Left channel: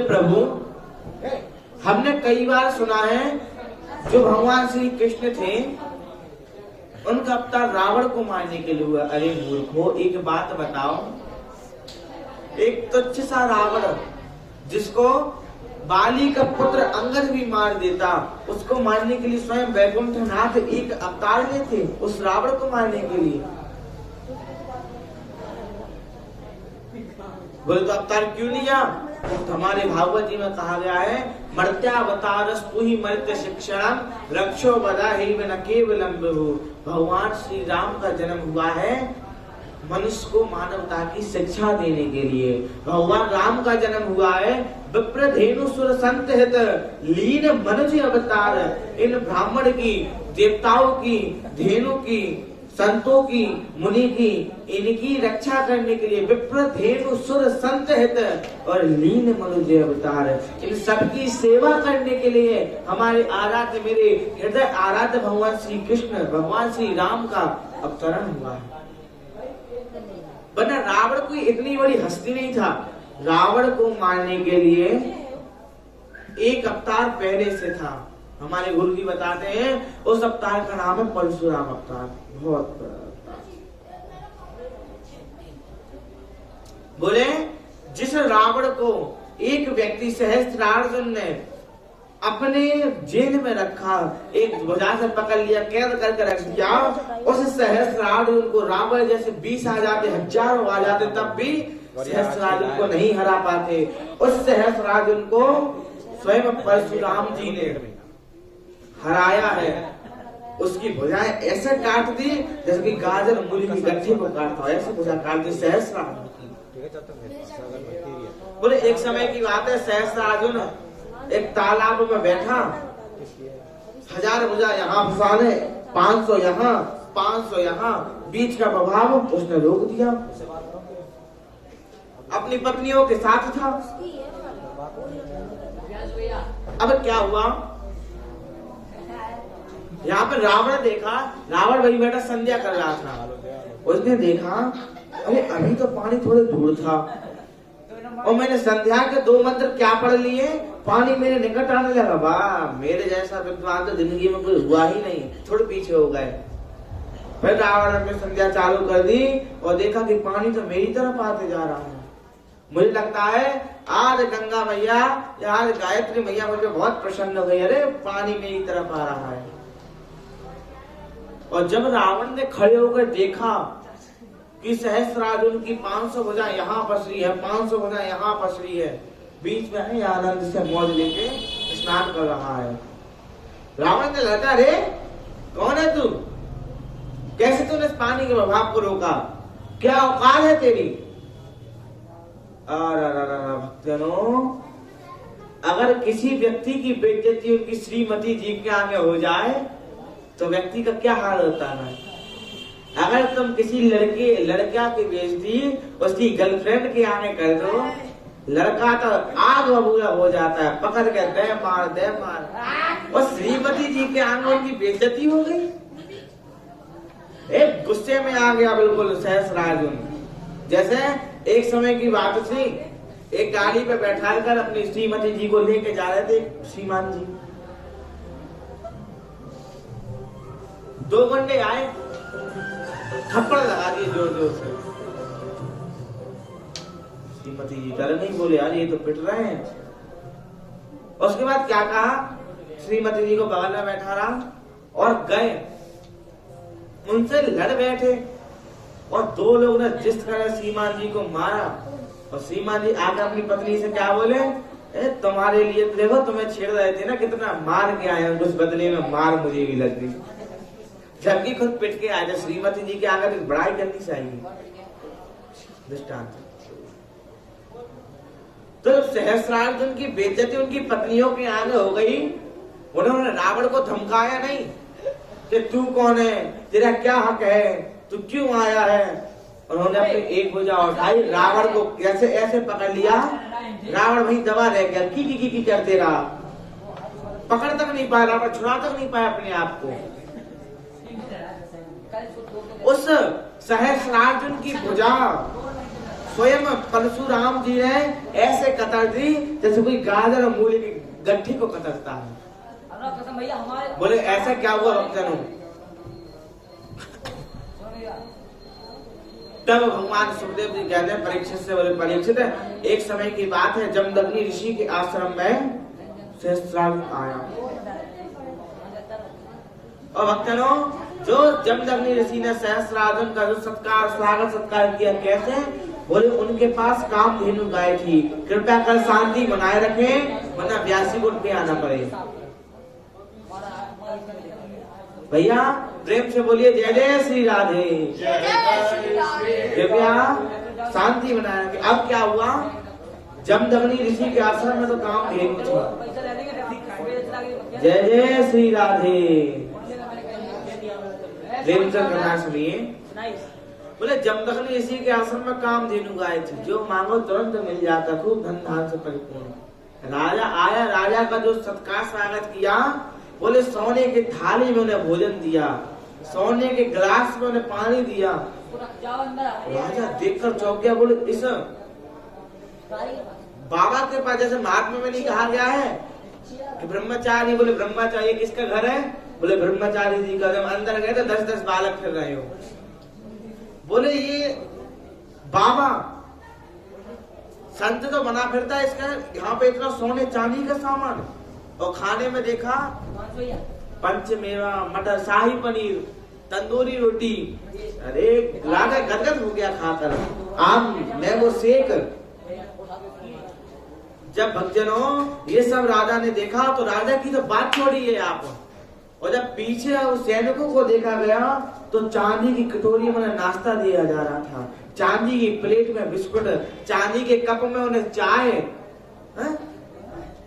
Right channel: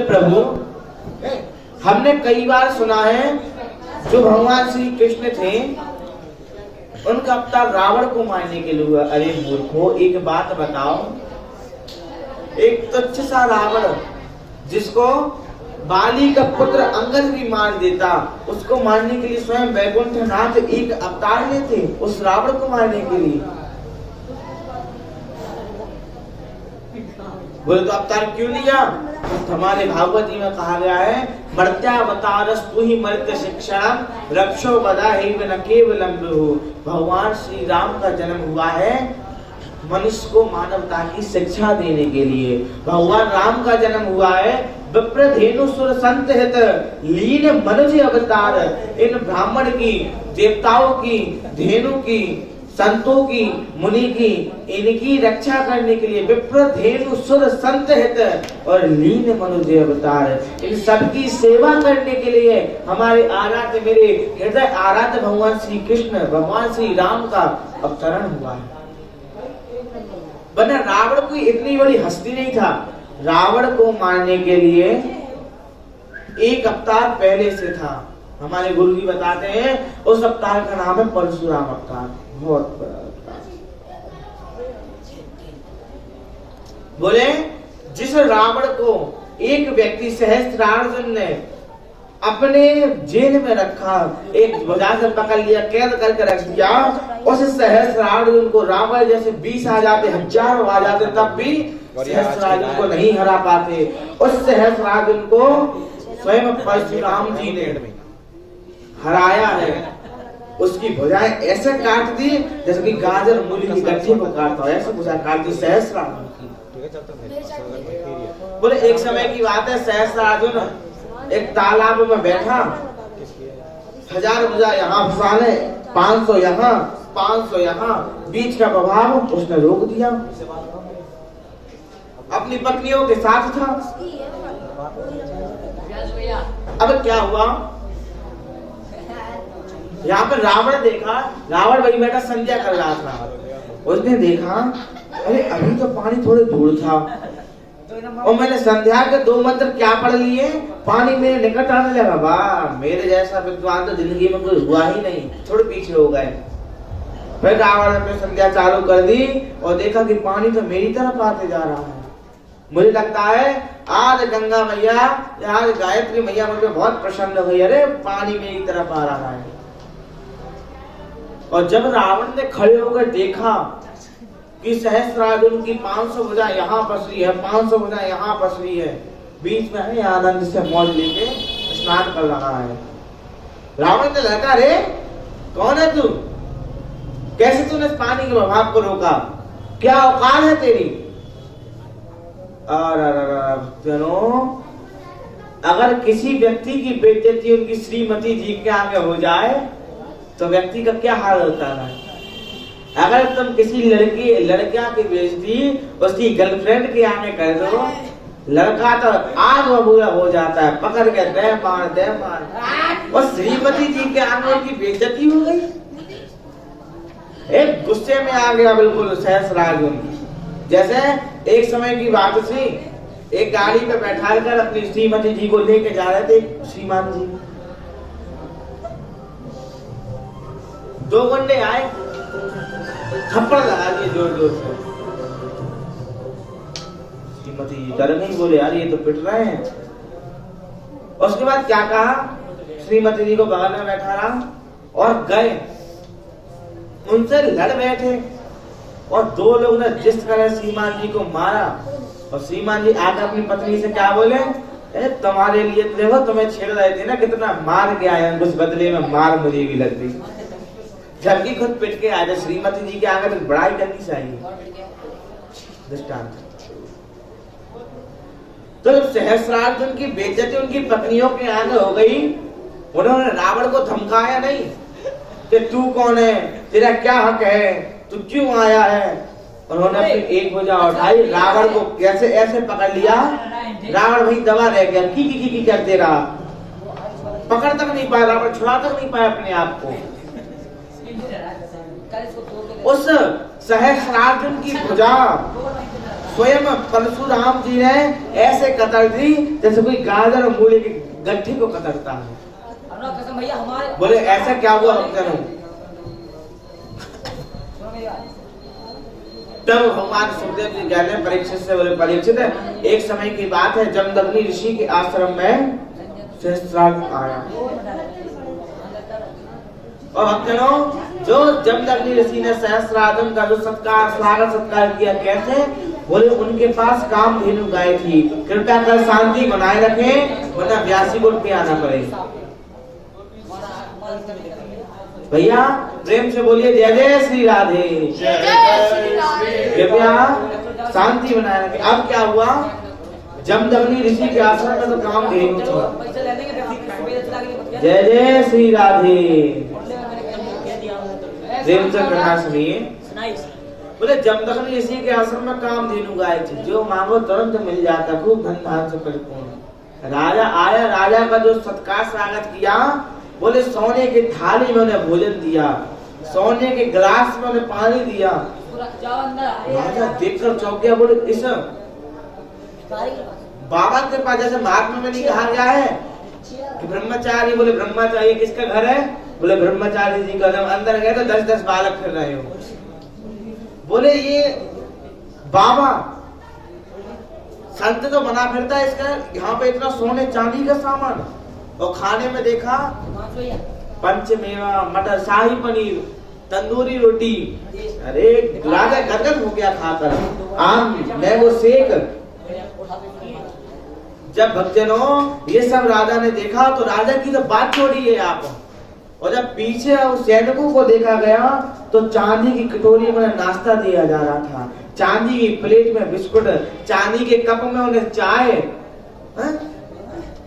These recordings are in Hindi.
बोले प्रभु, हमने कई बार सुना है जो भगवान श्री कृष्ण थे उनका अवतार रावण को मारने के लिए हुआ। अरे मूर्खो, एक बात बताओ, एक तुच्छ सा रावण जिसको बाली का पुत्र अंगद भी मार देता, उसको मारने के लिए स्वयं वैकुंठनाथ एक अवतार लेते उस रावण को मारने के लिए। बोले तो अवतार क्यों लिया? तो हमारे भागवत जी में कहा गया है, मर्त्यावतारस्तु ही मर्त्य शिक्षणम रक्षो बदा ही न केवलम विभु। भगवान श्री राम का जन्म हुआ है मनुष्य को मानवता की शिक्षा देने के लिए। भगवान राम का जन्म हुआ है विप्रधेनु सुर संत हित लीन मनुज अवतार। इन ब्राह्मण की, देवताओं की, धेनु की, संतों की, मुनि की, इनकी रक्षा करने के लिए विप्रधेनु सुर संत हित और लीन मनुज अवतार, इन सबकी सेवा करने के लिए हमारे आराध्य, मेरे हृदय आराध्य भगवान श्री कृष्ण, भगवान श्री राम का अवतरण हुआ है। वरना रावण कोई इतनी बड़ी हस्ती नहीं था। रावण को मारने के लिए एक अवतार पहले से था। हमारे गुरु जी बताते हैं उस अवतार का नाम है परशुराम अवतार। बहुत बड़ा। बोले जिस रावण को एक व्यक्ति सहस्त्रार्जुन ने अपने जेल में रखा, एक भुजा से पकड़ लिया, कैद करके रख दिया, उस सहस्त्रार्जुन को रावण जैसे 20 आ जाते, हजारों आ जाते, तब भी सहस्त्रार्जुन को नहीं हरा पाते। उस सहस्त्रार्जुन को स्वयं परशुराम जी ने हराया है। उसकी भुजाएं ऐसे काट दी जैसे कि गाजर मूली की गठरी को काटता है, ऐसे भुजा काट दी सहस्त्रार्जुन की। बोले एक समय की बात है, सहस्त्रार्जुन एक तालाब में बैठा, 1000 भुजा यहाँ फंसाने, 500 यहाँ, 500 यहाँ, बीच का प्रभाव उसने रोक दिया। अपनी पत्नियों के साथ था। अब क्या हुआ? यहाँ पर रावण देखा, रावण वही बैठा संध्या कर रहा था। उसने देखा अरे अभी तो पानी थोड़े दूर था और मैंने संध्या के 2 मंत्र क्या पढ़ लिए, पानी मेरे निकट आने लगा। वाह, मेरे जैसा विद्वान तो जिंदगी में कोई हुआ ही नहीं, थोड़े पीछे हो गए। फिर रावण ने संध्या चालू कर दी और देखा कि पानी तो मेरी तरफ आते जा रहा है। मुझे लगता है आज गंगा मैया, आज गायत्री मैया मुझे बहुत प्रसन्न हो गई, अरे पानी मेरी तरफ आ रहा है। और जब रावण ने खड़े होकर देखा कि सहस्त्रार्जुन की 500 भुजा यहाँ फंस रही है, 500 भुजा यहाँ फंस रही है, बीच में है आनंद से मौज लेके स्नान कर रहा है। रावण ने लगा, रे कौन है तू? कैसे तूने इस पानी के प्रभाव को रोका? क्या औकात है तेरी? भक्तों, अगर किसी व्यक्ति की बेइज्जती उनकी श्रीमती जी के आगे हो जाए तो व्यक्ति का क्या हाल होता है। अगर तुम किसी लड़का की बेइज्जती उसकी गर्लफ्रेंड के आगे कर दो, लड़का तो आग बबूला हो जाता है, पकड़ के दे मार। और श्रीमती जी के आगे उनकी बेइज्जती हो गई, एक गुस्से में आ गया बिल्कुल सहस्त्रार्जुन। जैसे एक समय की बात थी, एक गाड़ी पे बैठा कर अपनी श्रीमती जी को लेके जा रहे थे श्रीमान जी। 2 गुंडे आए, थप्पड़ लगा दिए जोर जोर से। श्रीमती जी डर नहीं, बोले यार ये तो पिट रहे हैं। उसके बाद क्या कहा, श्रीमती जी को बगल में बैठा रहा और गए उनसे लड़ बैठे। और 2 लोग ने जिस तरह श्रीमान जी को मारा, और श्रीमान जी आगे अपनी पत्नी से क्या बोले, तुम्हारे लिए देखो तुम्हें छेड़ रहे थे ना, कितना मार के आए, उस बदले में मार मुझे भी लग गई, जबकि खुद पिट के आए। श्रीमती जी के आगे बड़ाई करनी चाहिए। दृष्टांत। तो सहस्त्रार्जुन की बेइज्जती उनकी पत्नियों के आगे हो गई। उन्होंने रावण को धमकाया नहीं कि तू कौन है, तेरा क्या हक है, तू क्यों आया है। उन्होंने अपनी एक भुजा उठाई, रावण को कैसे ऐसे पकड़ लिया, रावण वही दबा रह गया, की करते रहा, पकड़ तक नहीं पाया, रावण छुड़ा तक नहीं पाया अपने आप को। उस सहस्त्रार्जुन की भुजा स्वयं परशुराम जी ने ऐसे कतर दी जैसे कोई गाजर और मूली की गट्ठी को कतरता है। बोले ऐसा क्या हुआ भक्तजनों? तब भगवान सुखदेव जी कहते हैं परीक्षित से, बोले परीक्षित एक समय की बात है, जमदग्नि ऋषि के आश्रम में सहस्त्रार्जुन आया। और भक्तजनों जो जमदग्नि ऋषि ने सहस्त्रार्जुन का जो स्वागत सत्कार किया, कैसे? बोले उनके पास कामधेनु गाय थी, कृपया कर शांति बनाए रखें वरना व्यासी को पे आना पड़ेगा। भैया प्रेम से बोलिए जय जय श्री राधे। कृपया शांति बनाए रखें। अब क्या हुआ? जमदग्नि ऋषि के आश्रम में तो कामधेनु था। जय जय श्री राधे। प्रेम से कहना सुनिए। बोले जमदग्नि ऋषि के आश्रम में कामधेनु गाय थी, जो मांगो तुरंत मिल जाता, खूब धन धान से परिपूर्ण। राजा आया, राजा का जो सत्कार स्वागत किया, बोले सोने की थाली में उन्हें भोजन दिया, सोने के गिलास में उन्हें पानी दिया। राजा देखकर चौंक गया। बोले इस बाबा के पास जैसे महात्मा में नहीं कहा गया है कि ब्रह्मचारी, बोले ब्रह्मचारी किसका घर है? बोले ब्रह्मचारी जी का। जब अंदर गए तो 10-10 बालक फिर रहे हो। बोले ये बाबा संत तो बना फिरता है, इसका यहाँ पे इतना सोने चांदी का सामान। और खाने में देखा पंचमेवा, मटर, शाही पनीर, तंदूरी रोटी। अरे राजा गदगद हो गया खाकर। आम, मैंगो शेक। जब भक्तजनों ये सब राजा ने देखा तो राजा की तो बात छोड़िए आप। और जब पीछे उस सैनिकों को देखा गया तो चांदी की कटोरी में नाश्ता दिया जा रहा था, चांदी की प्लेट में बिस्कुट, चांदी के कप में उन्हें चाय,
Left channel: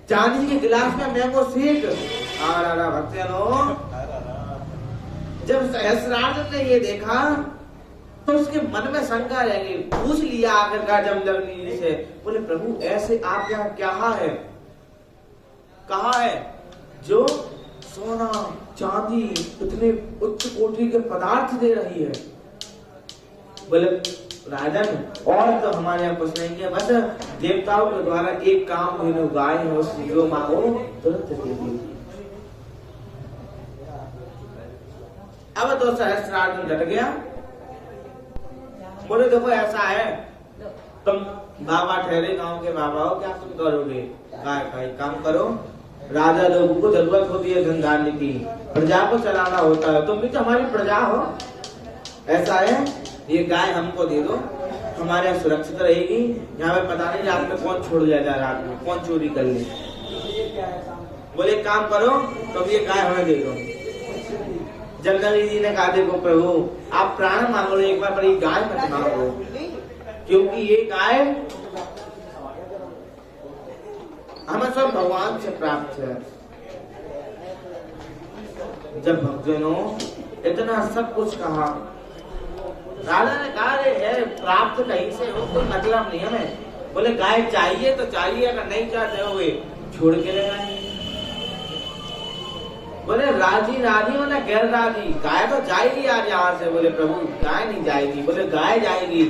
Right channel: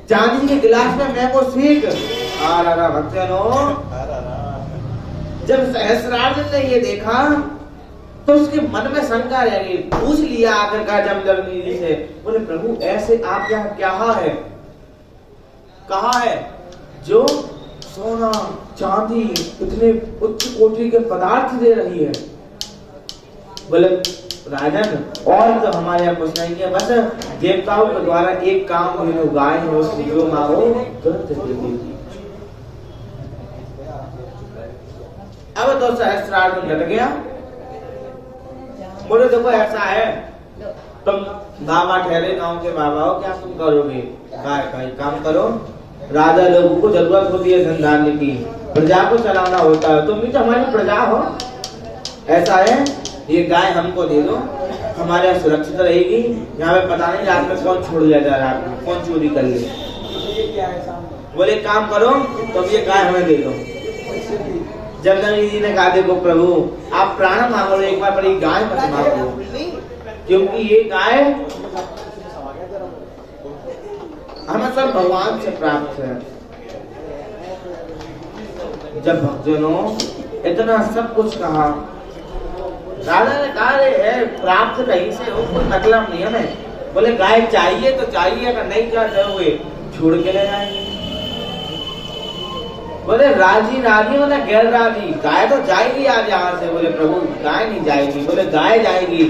चांदी के गिलास में मैंगो शेक। भक्तजनों जब सहस्त्रार्जुन ने ये देखा तो उसके मन में शंका रह गई। पूछ लिया आखिरकार जमदग्नि जी से, बोले प्रभु ऐसे आप यहाँ क्या है? कहा है जो सोना चांदी इतने उच्च कोटि के पदार्थ दे रही है? बोले राजन और तो हमारे यहाँ कुछ नहीं है, बस देवताओं के द्वारा एक काम गाय हो, जो मांगो तुरंत दे देगी। अब तो सहस्त्रार्जुन डट गया। बोले देखो ऐसा है, तुम बाबा ठहरे गांव के बाबा हो, क्या तुम करोगे? गाय काम करो, राजा लोगों को जरूरत होती है धन धान्य की, प्रजा को चलाना होता है, तुम भी तो हमारी प्रजा हो। ऐसा है ये गाय हमको दे दो, हमारे यहाँ सुरक्षित रहेगी। यहाँ पे पता नहीं रात में कौन छोड़ लिया जा रहा है, कौन चोरी कर ले। बोले काम करो तुम ये गाय हमें दे दो। जमदग्नि जी ने कहा देखो प्रभु आप प्राण मांगो एक बार, पर ये गाय मत मांगो, क्योंकि ये गाय हमें सब भगवान से प्राप्त है। जब भक्तजनों इतना सब कुछ कहा, राजा ने कहा है प्राप्त कहीं से हो, कोई मतलब नहीं हमें। बोले गाय चाहिए तो चाहिए, अगर नहीं चाहते छोड़ के ले जाएंगे। बोले राजी राजी हो ना गैर राजी, गाय तो जाएगी आज यहाँ से। बोले प्रभु गाय नहीं जाएगी। बोले गाय जाएगी।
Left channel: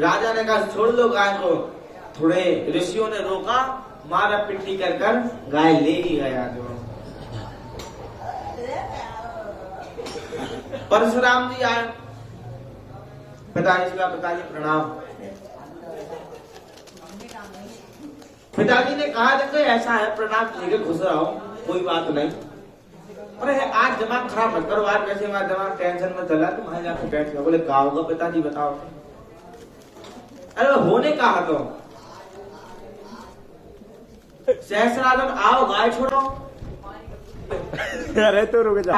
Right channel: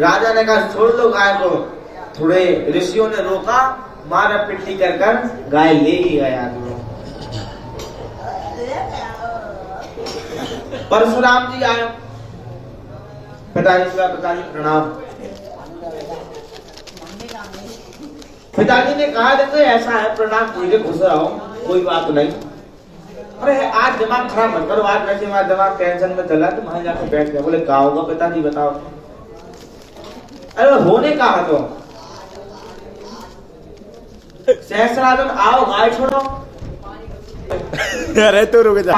राजा ने कहा छोड़ दो गाय को। थोड़े ऋषियों ने रोका, मारा पिट्टी कर गाय ले ही गया। परशुराम जी आए, पिताजी प्रणाम। पिताजी ने कहा देखो ऐसा है, प्रणाम ठीक है, खुश रहो, कोई बात नहीं। अरे आज दिमाग खराब मत करो, आज वैसे हमारा दिमाग टेंशन में चला, तुम वहां जाकर बैठ गए। बोले क्या होगा पिताजी बताओ। अरे होने का है तो सहस्त्रार्जुन आओ गाय छोड़ो। अरे तो रुक जा।